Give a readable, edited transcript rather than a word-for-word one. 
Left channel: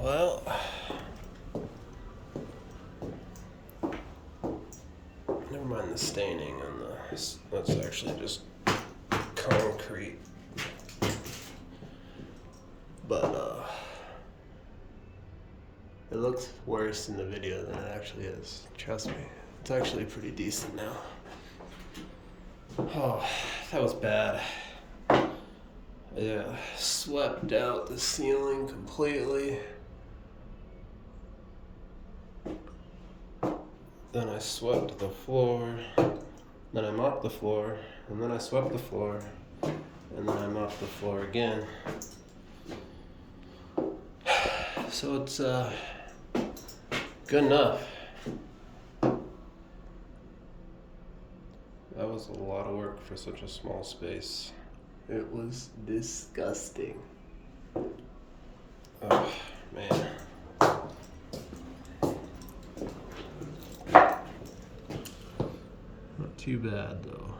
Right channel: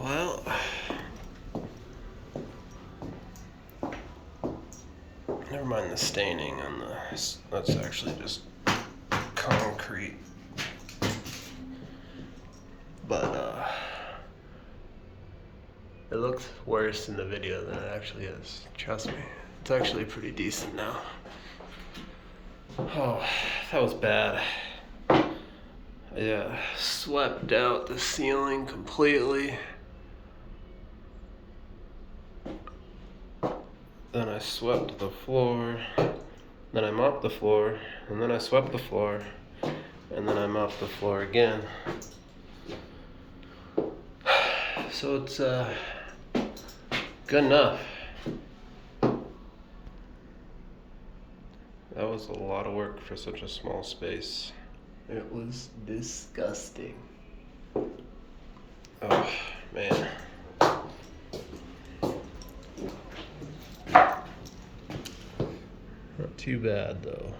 Well, never mind the staining on the. That's actually just concrete. But it looks worse in the video than it actually is. Trust me, it's actually pretty decent now. Oh, that was bad. Yeah, swept out the ceiling completely. Then I swept the floor. Then I mopped the floor. And then I swept the floor. And then I mopped the floor again. So it's good enough. That was a lot of work for such a small space. It was disgusting. Oh, man. Not too bad, though.